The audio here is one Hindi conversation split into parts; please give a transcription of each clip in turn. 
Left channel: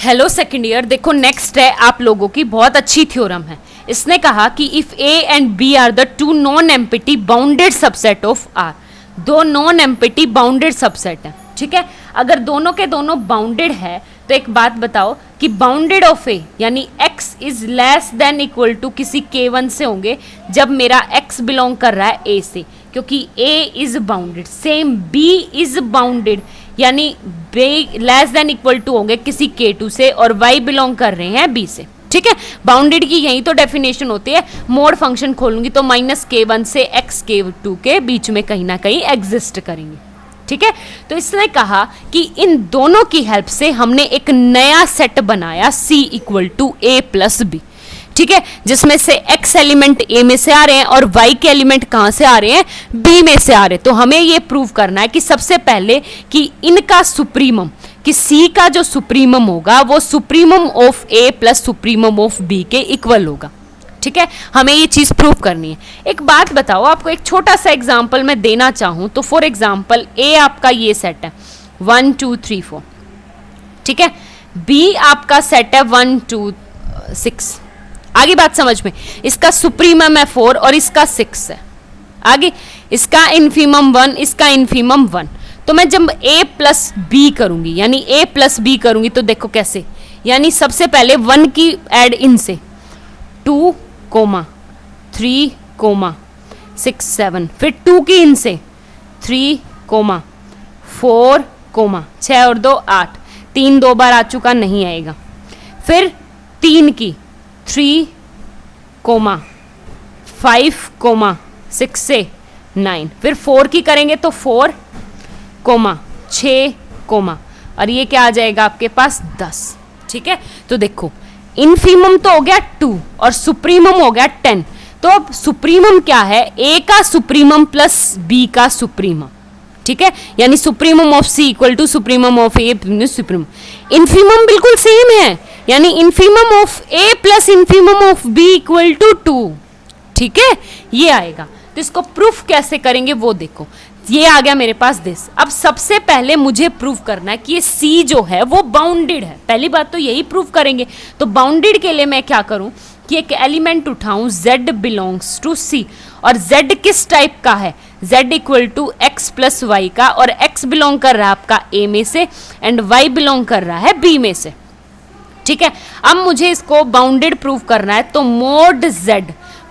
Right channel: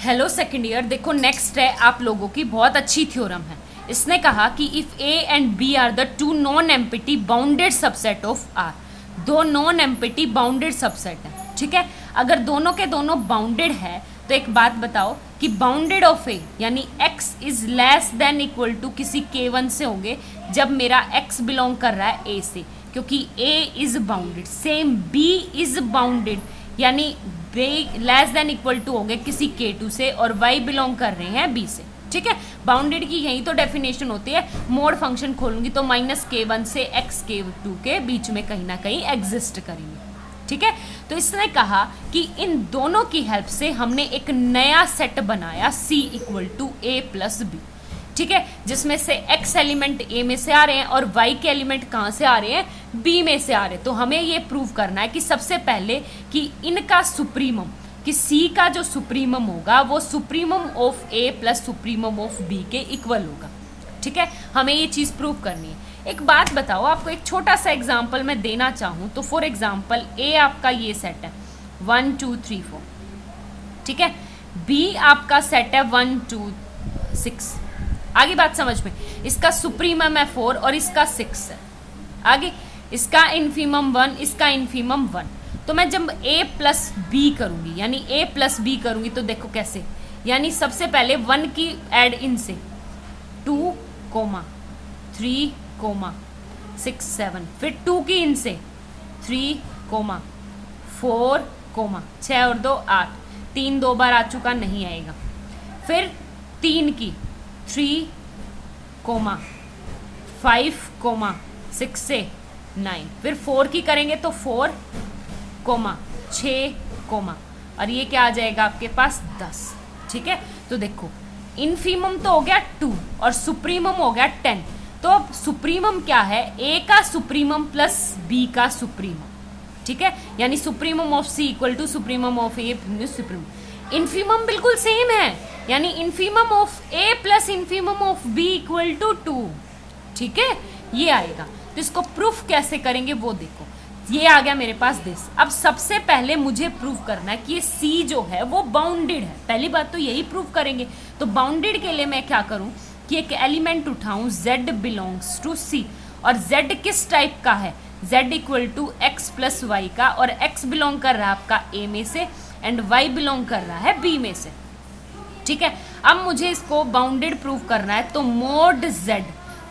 हेलो सेकंड ईयर, देखो नेक्स्ट है आप लोगों की बहुत अच्छी थ्योरम है। इसने कहा कि if A and B are the two non empty bounded subset of R, दो नॉन एम्पिटी बाउंडेड सबसेट है, ठीक है। अगर दोनों के दोनों बाउंडेड है तो एक बात बताओ कि बाउंडेड ऑफ ए यानी x is less than equal to किसी k1 से होंगे जब मेरा x बिलोंग कर रहा है a से, क्योंकि a is bounded. Same b is bounded यानी लेस देन इक्वल टू होंगे किसी k2 से और y बिलोंग कर रहे हैं b से, ठीक है। बाउंडेड की यही तो डेफिनेशन होती है। मोड फंक्शन खोलूंगी तो -k1 से x k2 के बीच में कहीं ना कहीं एग्जिस्ट करेंगे, ठीक है। तो इसने कहा कि इन दोनों की हेल्प से हमने एक नया सेट बनाया C equal to a plus B, ठीक है, जिसमें से x एलिमेंट a में से आ रहे हैं और y के एलिमेंट कहां से आ रहे हैं, b में से आ रहे हैं। तो हमें ये प्रूव करना है कि सबसे पहले कि इनका सुप्रीमम, कि C का जो सुप्रीमम होगा वो supremum of a plus supremum of b के इक्वल होगा, ठीक है। हमें ये चीज प्रूव करनी है। एक बात बताओ, आपको एक छोटा सा एग्जांपल मैं देना चाहूं तो फॉर एग्जांपल ए आपका ये सेट है 1 2 3 4, ठीक है। बी आपका सेट है 1 2 6। आगे बात समझ में, इसका सुप्रीमम है 4 और इसका 6 है। आगे इसका इन्फीमम 1, इसका इन्फीमम 1। तो मैं जब a प्लस बी करूंगी यानी a प्लस बी करूंगी तो देखो कैसे, यानी सबसे पहले 1 की एड इन से 2, 3, 6 7, फिर 2 की इन से 3, 4, 6 और 2 8, 3 2 बार आ चुका, नहीं आएगा। फिर 3 की 3, 5, 6 से 9, फिर 4 की करेंगे तो 4, 6, और ये क्या आ जाएगा आपके पास 10, ठीक है। तो देखो इनफीमम तो हो गया 2 और सुप्रीमम हो गया 10। तो अब सुप्रीमम क्या है, a का सुप्रीमम प्लस b का सुप्रीमम, ठीक है, यानी supremum of c equal to supremum of a supremum. Infimum बिल्कुल सेम है, यानी infimum of a plus infimum of b equal to 2, ठीक है, ये आएगा। तो इसको प्रूफ कैसे करेंगे वो देखो, ये आ गया मेरे पास दिस। अब सबसे पहले मुझे प्रूव करना है कि ये C जो है वो बाउंडेड है। पहली बात तो यही प्रूव करेंगे। तो बाउंडेड के लिए मैं क्या करूं कि एक एलिमेंट उठाऊं Z बिलोंग्स टू C, और Z किस टाइप का है, Z equal to x plus Y का, और x बिलोंग कर रहा है आपका A में से एंड y बिलोंग कर रहा है B में से, ठीक है। अब मुझे इसको बाउंडेड प्रूव करना है तो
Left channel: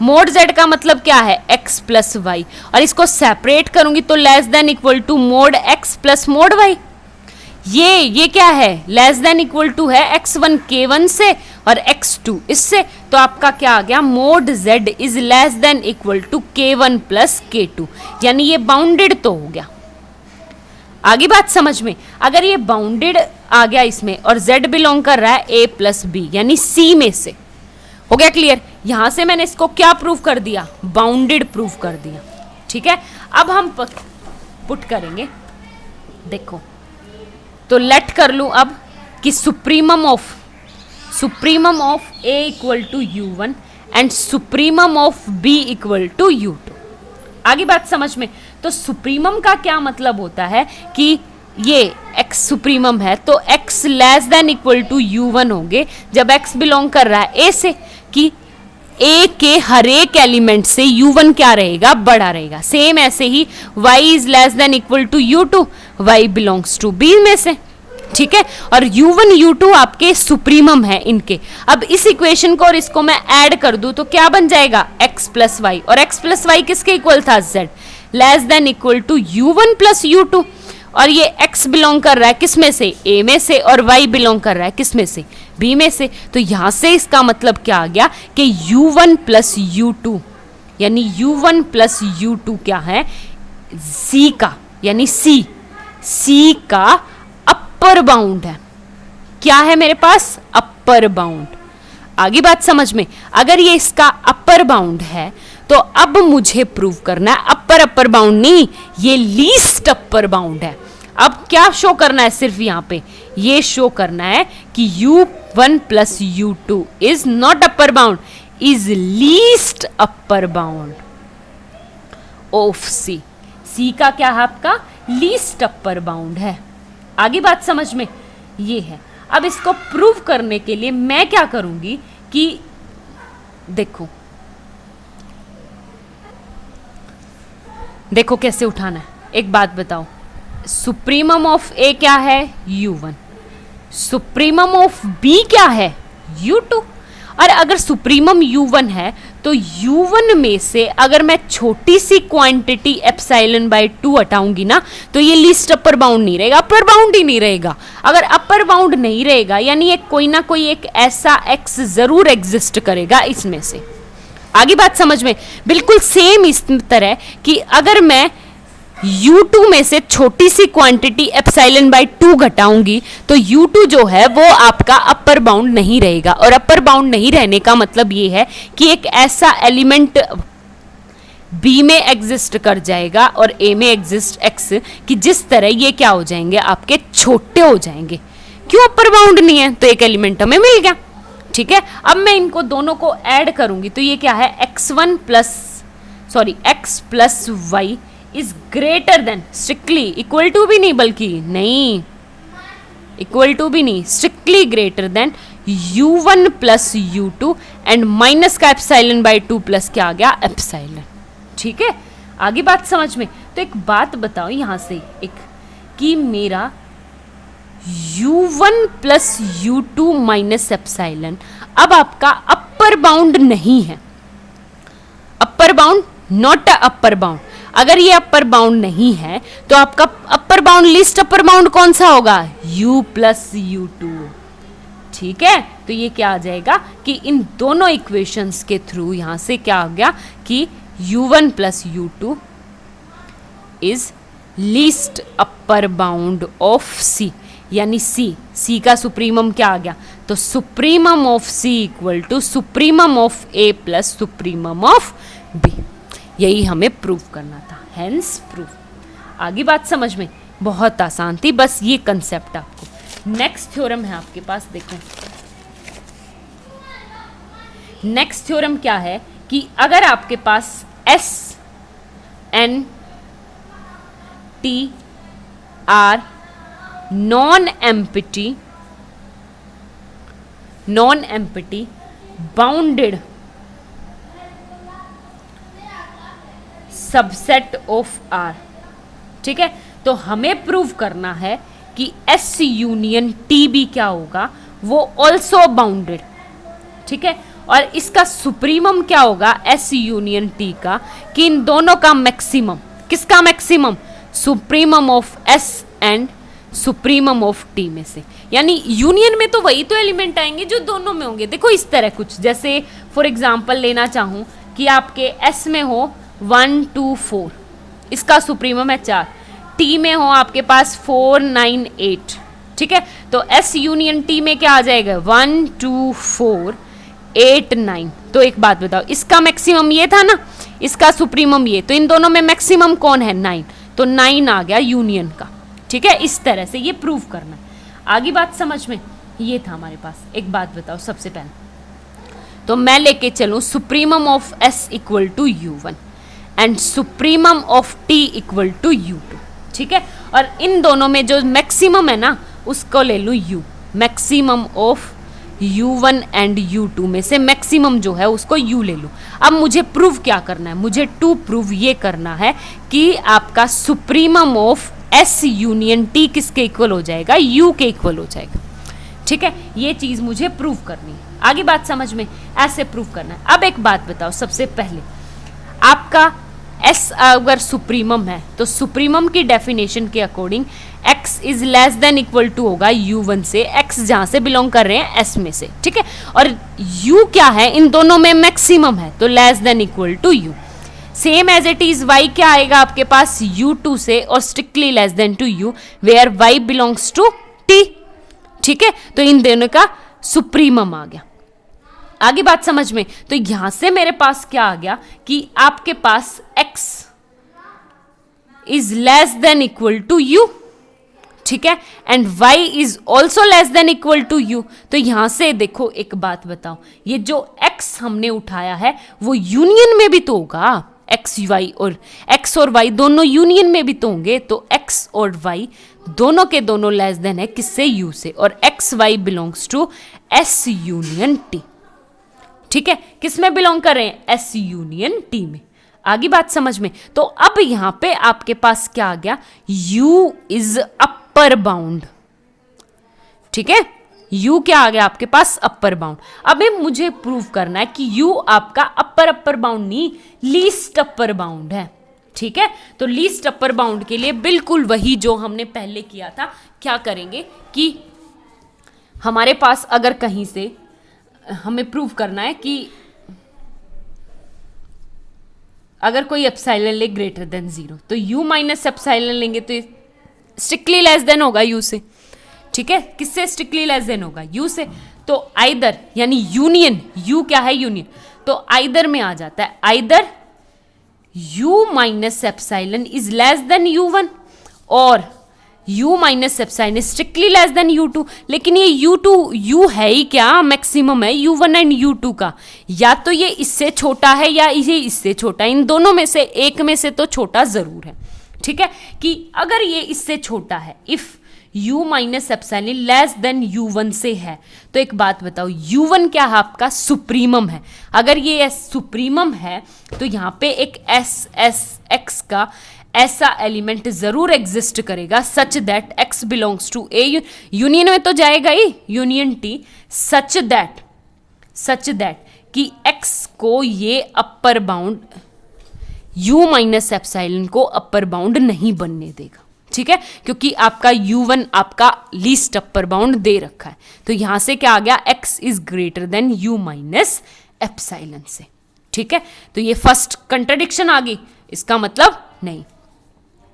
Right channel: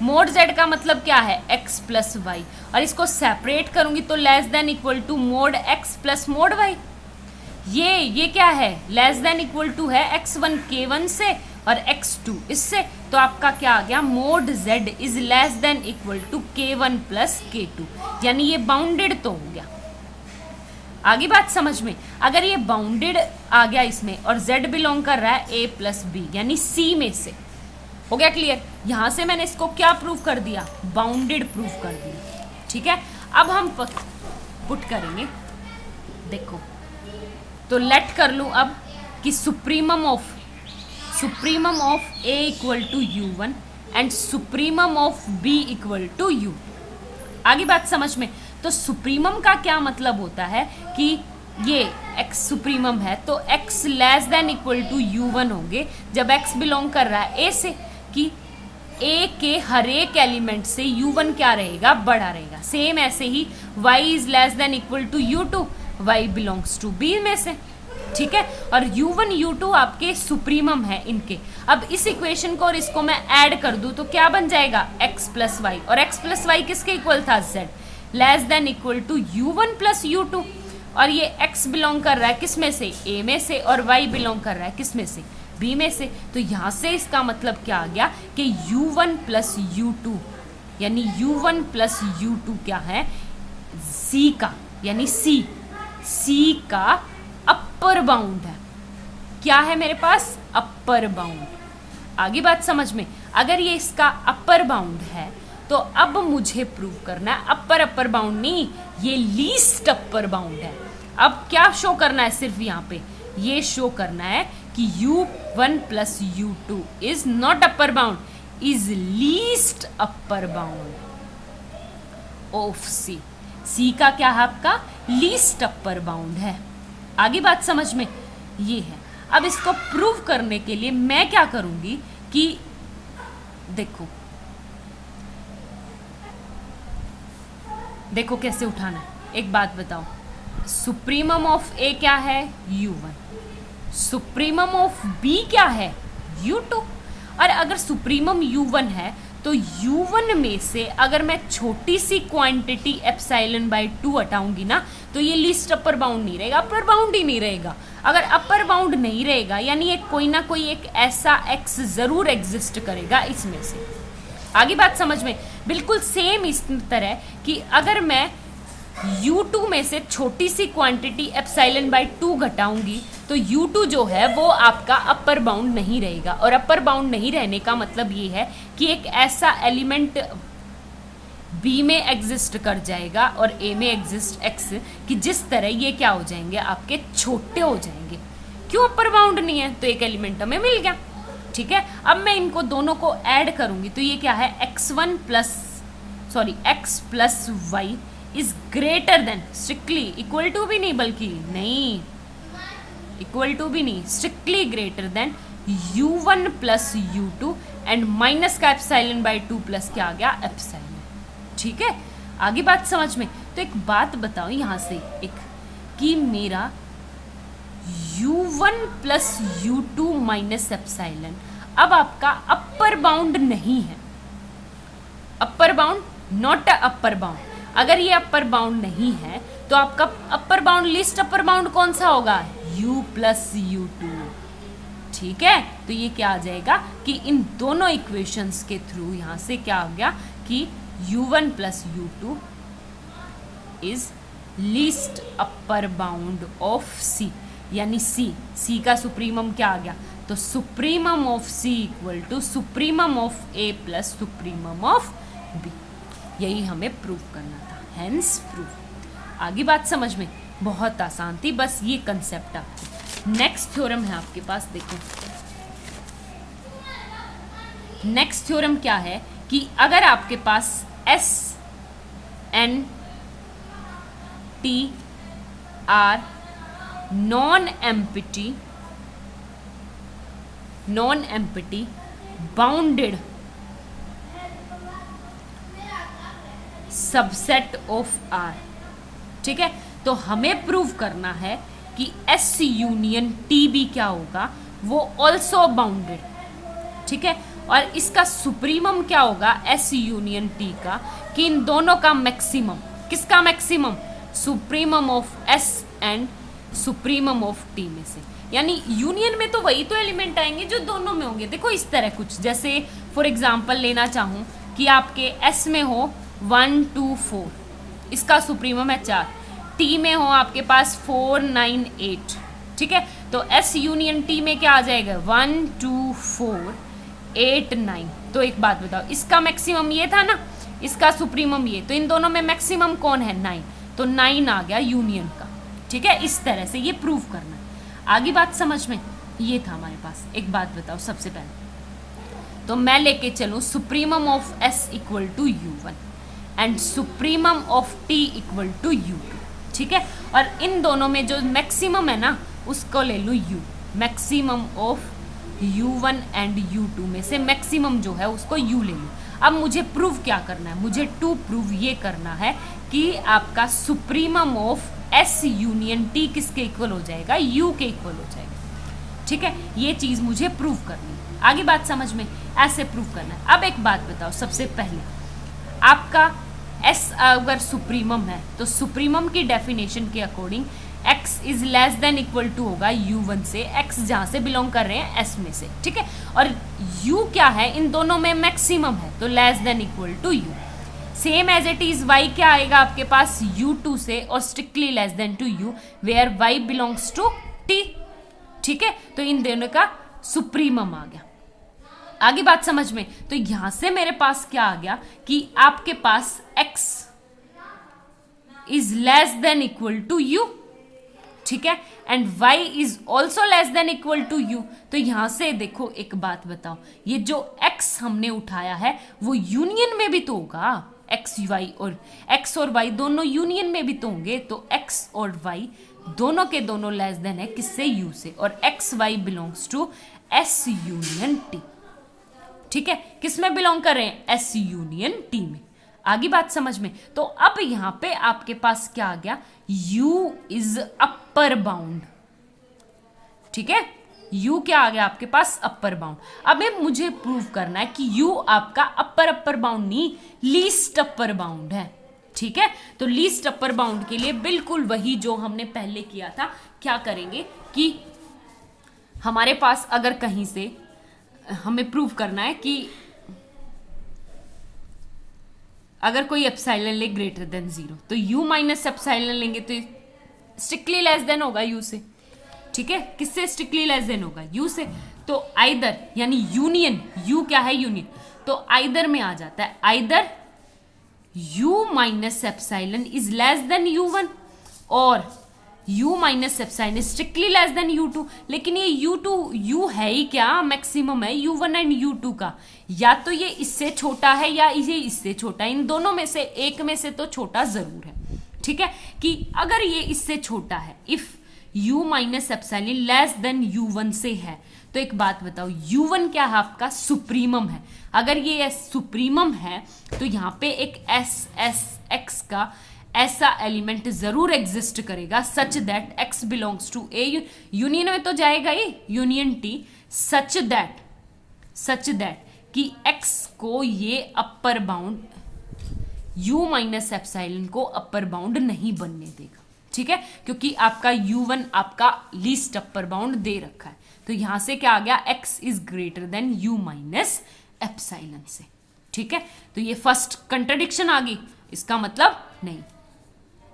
मोड Z का मतलब क्या है, x प्लस वाई, और इसको सेपरेट करूंगी तो less than equal to mod x plus mod y। ये क्या है, लेस देन इक्वल टू है x1 k1 से और x2 इससे। तो आपका क्या आ गया, mod Z is less than equal to k1 plus k2, यानी ये बाउंडेड तो हो गया। आगे बात समझ में, अगर ये बाउंडेड आ गया इसमें और Z बिलोंग कर रहा है a प्लस बी यानी C में से, हो गया क्लियर। यहां से मैंने इसको क्या प्रूव कर दिया, बाउंडेड प्रूव कर दिया, ठीक है। अब हम पुट करेंगे, देखो तो लेट कर लूं अब कि supremum of a equal to u1 and supremum of b equal to u2। आगे बात समझ में, तो सुप्रीमम का क्या मतलब होता है कि ये x सुप्रीमम है तो x less than equal to u1 होंगे जब x बिलोंग कर रहा है a से, कि a के हर एक एलिमेंट से u1 क्या रहेगा, बड़ा रहेगा। सेम ऐसे ही y is less than equal to u2, y belongs to b में से, ठीक है। और u1 u2 आपके सुप्रीमम है इनके। अब इस इक्वेशन को और इसको मैं ऐड कर दूं तो क्या बन जाएगा, x प्लस वाई, और x प्लस वाई किसके इक्वल था, z less than equal to u1 plus u2, और ये x बिलोंग कर रहा है किस में से, a में से, और y बिलोंग कर रहा है किस में से, b में से। तो यहां से इसका मतलब क्या आ गया कि u1 प्लस u2 यानी u1 प्लस u2 क्या है, c का, यानी c का अपर बाउंड है। क्या है मेरे पास, अपर बाउंड। आगे बात समझ में, अगर ये इसका अपर बाउंड है तो अब मुझे प्रूव करना है अपर बाउंड नहीं, ये लीस्ट अपर बाउंड है। अब क्या शो करना है, सिर्फ यहाँ पे ये शो करना है कि u1 plus u2 is not upper bound, is least upper bound of C। C का क्या है आपका, लीस्ट अपर बाउंड है। आगे बात समझ में ये है। अब इसको प्रूव करने के लिए मैं क्या करूंगी कि देखो देखो कैसे उठाना है। एक बात बताओ, सुप्रीमम ऑफ ए क्या है? u1। सुप्रीमम ऑफ b क्या है? u2। और अगर सुप्रीमम u1 है तो u1 में से अगर मैं छोटी सी क्वांटिटी एप्सिलॉन बाय 2 हटाऊंगी ना, तो ये लीस्ट अपर बाउंड नहीं रहेगा, अपर बाउंड ही नहीं रहेगा। अगर अपर बाउंड नहीं रहेगा यानी एक कोई ना कोई एक ऐसा x जरूर एग्जिस्ट करेगा इसमें से। आगे बात समझ में? बिल्कुल सेम इस तरह कि अगर मैं u2 में से छोटी सी क्वांटिटी एप्सिलॉन बाय 2 घटाऊंगी तो u2 जो है वो आपका अपर बाउंड नहीं रहेगा। और अपर बाउंड नहीं रहने का मतलब ये है कि एक ऐसा एलिमेंट b में एग्जिस्ट कर जाएगा और a में एग्जिस्ट x कि जिस तरह ये क्या हो जाएंगे, आपके छोटे हो जाएंगे। क्यों? अपर बाउंड नहीं है तो एक एलिमेंट हमें मिल गया। ठीक है, अब मैं इनको दोनों को ऐड करूंगी तो ये क्या है? x plus y is greater than, strictly equal to भी नहीं, बल्कि नहीं इक्वल टू भी नहीं, strictly greater than u1 plus u2 and minus का एप्सिलॉन बाय 2 प्लस क्या आ गया? एप्सिलॉन। ठीक है, आगे बात समझ में? तो एक बात बताओ यहां से एक कि मेरा u1 plus u2 minus epsilon अब आपका अपर बाउंड नहीं है। Upper bound, not a upper bound. अगर ये अपर बाउंड नहीं है तो आपका upper bound, list upper bound कौन सा होगा? u plus u2। ठीक है, तो ये क्या आ जाएगा कि इन दोनों इक्वेशंस के थ्रू यहां से क्या आ गया कि u1 plus u2 is least upper bound of c, यानी c का सुप्रीमम क्या आ गया? तो supremum of c equal to supremum of a plus supremum of b। यही हमें प्रूव करना था, हेंस प्रूव। आगे बात समझ में? बहुत आसान थी, बस ये कंसेप्ट आपको। नेक्स्ट थ्योरम है आपके पास, देखो नेक्स्ट थ्योरम क्या है कि अगर आपके पास S N T R non empty bounded subset of R, ठीक है, तो हमें प्रूव करना है कि S यूनियन T भी क्या होगा? वो ऑल्सो बाउंडेड। ठीक है, और इसका सुप्रीमम क्या होगा? S यूनियन T का, कि इन दोनों का मैक्सिमम, किसका maximum? Supremum of S and supremum of T में से। यानी यूनियन में तो वही तो एलिमेंट आएंगे जो दोनों में होंगे। देखो इस तरह कुछ, जैसे फॉर एग्जांपल लेना चाहूं कि आपके S में हो 1 2 4, इसका सुप्रीमम है 4, T में हो आपके पास 4 9 8। ठीक है, तो S यूनियन T में क्या आ जाएगा? 1 2 4 8 9। तो एक बात बताओ, इसका मैक्सिमम ये था ना, इसका सुप्रीमम ये, तो इन दोनों में मैक्सिमम कौन है? 9, तो 9 आ गया यूनियन का। ठीक है, इस तरह से ये प्रूव करना है। आगे बात समझ में? ये था हमारे पास। एक बात बताओ सबसे पहले, तो मैं लेके चलूं supremum of S equal to u1 and supremum of T equal to u2। ठीक है, और इन दोनों में जो मैक्सिमम है ना उसको ले लूँ u, maximum of u1 and u2 में से मैक्सिमम जो है उसको u ले लूँ। अब मुझे प्रूव क्या करना है? मुझे टू प्रूव ये करना है कि आपका supremum of S union T किसके इक्वल हो जाएगा? u के इक्वल हो जाएगा। ठीक है, ये चीज मुझे प्रूव करनी है। आगे बात समझ में? ऐसे प्रूव करना है। अब एक बात बताओ, सबसे पहले आपका S अगर सुप्रीमम है तो सुप्रीमम की डेफिनेशन के according x is less than equal to होगा u1 से, x जहां से बिलोंग कर रहे हैं S में से। ठीक है, और u क्या है? इन दोनों में मैक्सिमम है तो less than equal to u। Same as it is y क्या आएगा आपके पास? u2 से और strictly less than to u where y belongs to t। ठीक है, तो इन दोनों का सुप्रीमम आ गया। आगे बात समझ में? तो यहां से मेरे पास क्या आ गया कि आपके पास x is less than equal to u। ठीक है, and y is also less than equal to u। तो यहां से देखो एक बात बताओ, ये जो x हमने उठाया है वो यूनियन में भी तो होगा। एक्स वाई और एक्स और वाई दोनों यूनियन में भी तो होंगे, तो एक्स और वाई दोनों के दोनों लेस देन है किससे, यू से, और X Y belongs to S union T. ठीक है, किस में बिलोंग कर रहे हैं, एस यूनियन टी में। आगे बात समझ में। तो अब यहां पे आपके पास क्या आ गया, u इज अपर बाउंड। ठीक है, u क्या आ गया आपके पास, अपर बाउंड। अब मुझे प्रूव करना है कि u आपका अपर बाउंड नहीं, लीस्ट अपर बाउंड है। ठीक है, तो लीस्ट अपर बाउंड के लिए बिल्कुल वही जो हमने पहले किया था, क्या करेंगे कि हमारे पास अगर कहीं से हमें प्रूव करना है कि अगर कोई एप्सिलॉन ले ग्रेटर देन 0, तो u माइनस एप्सिलॉन लेंगे तो स्ट्रिक्टली लेस देन होगा u से। ठीक है, किससे स्ट्रिक्टली लेस देन होगा, u से। तो आइदर यानी यूनियन, u क्या है, यूनियन, तो आइदर में आ जाता है, either u minus epsilon is less then u1 और u minus epsilon strictly less then u2। लेकिन ये u है ही क्या, मैक्सिमम है u1 एंड u2 का, या तो ये इससे छोटा है या ये इससे छोटा है, इन दोनों में से एक में से तो छोटा जरूर है। ठीक है, कि अगर ये इससे छोटा है, if u minus epsilon less then u1 से है, तो एक बात बताओ, u1 क्या है आपका, सुप्रीमम है। अगर ये सुप्रीमम है तो यहाँ पे एक x का ऐसा एलिमेंट जरूर एग्जिस्ट करेगा such that x belongs to A, union में तो जाएगा ही, यूनियन टी, सच दैट कि x को ये upper bound, u minus epsilon को अपर बाउंड नहीं बनने देगा। ठीक है, क्योंकि आपका u1 आपका लीस्ट अपर बाउंड दे रखा है, तो यहां से क्या आ गया, x is greater then u minus epsilon से। ठीक है, तो ये फर्स्ट कंट्राडिक्शन आ गई, इसका मतलब नहीं,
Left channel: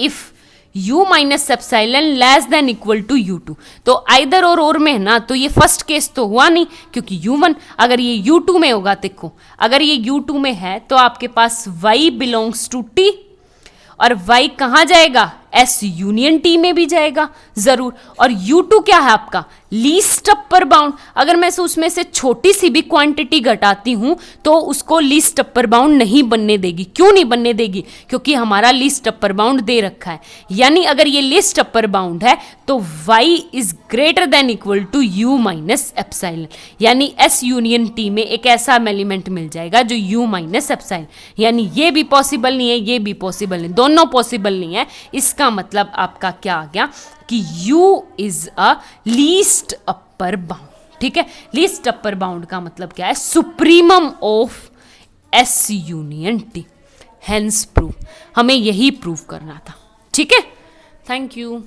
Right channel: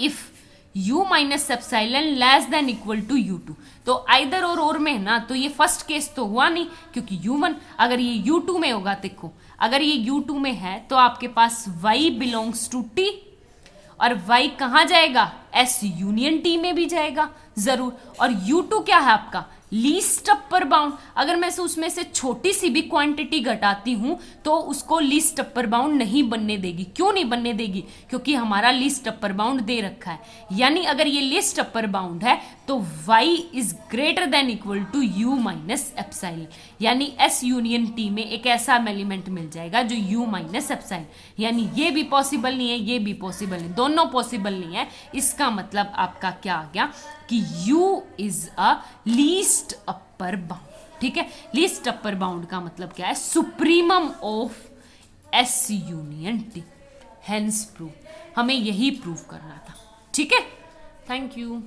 if u minus epsilon less than equal to u2, तो आइदर और में है ना, तो ये फर्स्ट केस तो हुआ नहीं, क्योंकि u1 अगर ये u2 में होगा, देखो अगर ये u2 में है तो आपके पास y बिलोंग्स टू t, और y कहां जाएगा, s यूनियन t में भी जाएगा जरूर, और u2 क्या है आपका, लीस्ट अपर बाउंड। अगर मैं उसमें से छोटी सी भी क्वांटिटी घटाती हूं तो उसको लीस्ट अपर बाउंड नहीं बनने देगी। क्यों नहीं बनने देगी, क्योंकि हमारा लीस्ट अपर बाउंड दे रखा है, यानी अगर ये लीस्ट अपर बाउंड है तो y is greater than equal to u minus epsilon, यानी s यूनियन t में एक ऐसा एलिमेंट मिल जाएगा जो u माइनस एप्सिलॉन, यानी ये भी पॉसिबल नहीं है, ये भी पॉसिबल नहीं, दोनों पॉसिबल नहीं है। इसका मतलब आपका क्या आ गया कि u is a least upper bound. ठीक है, लीस्ट अपर बाउंड का मतलब क्या है, supremum of s union t, hence prove, हमें यही प्रूव करना था। ठीक है, थैंक यू।